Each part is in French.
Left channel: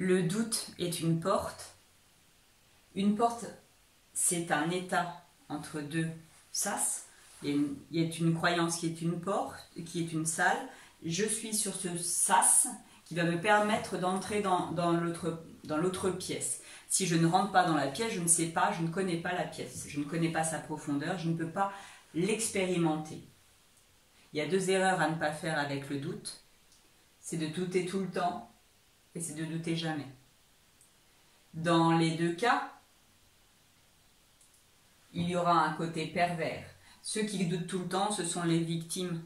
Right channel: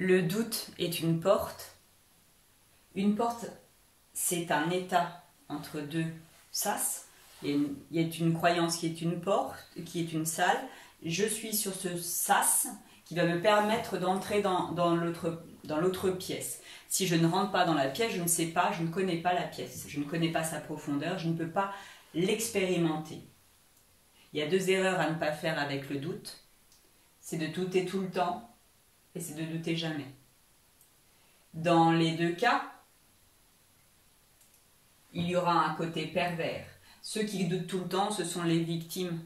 Le doute est une porte. Une porte, c'est un état entre deux sas. Il y a une croyance qui est une porte, qui est une salle. Je suis sur ce sas qui va me permettre d'entrer dans l'autre pièce. Si je ne rentre pas dans la pièce, je ne sais pas, je ne connais pas la pièce. Je ne connais pas sa profondeur, je ne peux pas l'expérimenter. Il y a deux erreurs à ne pas faire avec le doute. C'est de douter tout le temps et c'est de douter jamais. Dans les deux cas, il y aura un côté pervers. Ceux qui doutent tout le temps, ce sont les victimes.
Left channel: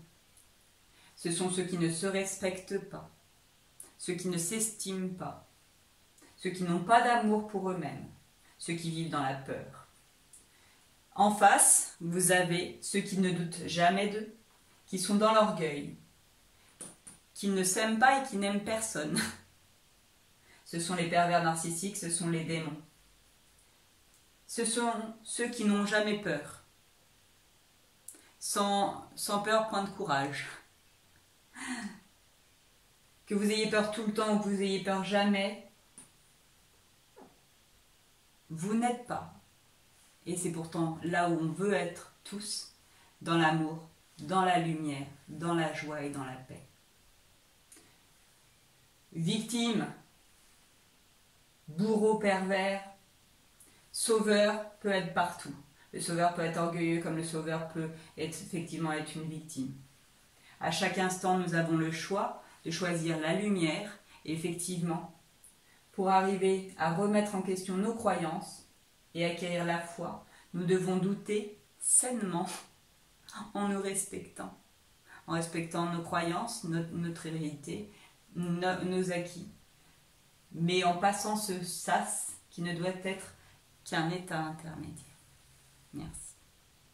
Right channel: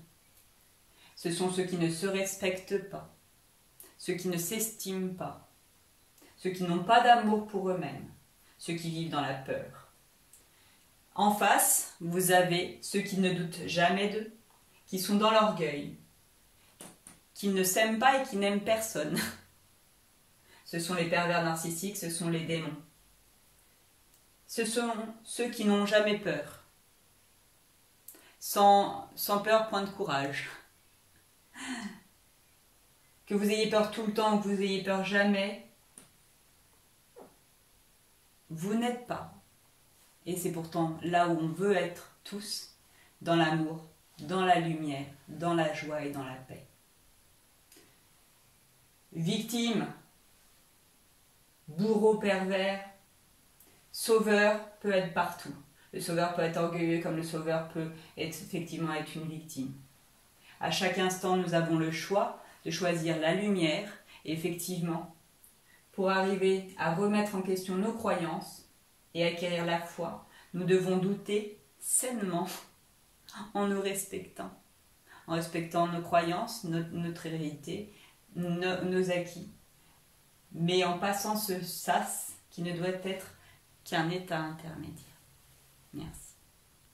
Ce sont ceux qui ne se respectent pas, ceux qui ne s'estiment pas, ceux qui n'ont pas d'amour pour eux-mêmes, ceux qui vivent dans la peur. En face, vous avez ceux qui ne doutent jamais d'eux, qui sont dans l'orgueil, qui ne s'aiment pas et qui n'aiment personne. Ce sont les pervers narcissiques, ce sont les démons. Ce sont ceux qui n'ont jamais peur. Sans peur, point de courage. Que vous ayez peur tout le temps ou que vous ayez peur jamais, vous n'êtes pas. Et c'est pourtant là où on veut être tous, dans l'amour, dans la lumière, dans la joie et dans la paix. Victime, bourreau pervers, sauveur peut être partout. Le sauveur peut être orgueilleux comme le sauveur peut effectivement être une victime. À chaque instant, nous avons le choix de choisir la lumière. Et effectivement, pour arriver à remettre en question nos croyances et acquérir la foi, nous devons douter sainement en nous respectant. En respectant nos croyances, notre réalité, nos acquis. Mais en passant ce sas qui ne doit être qu'un état intermédiaire. Merci.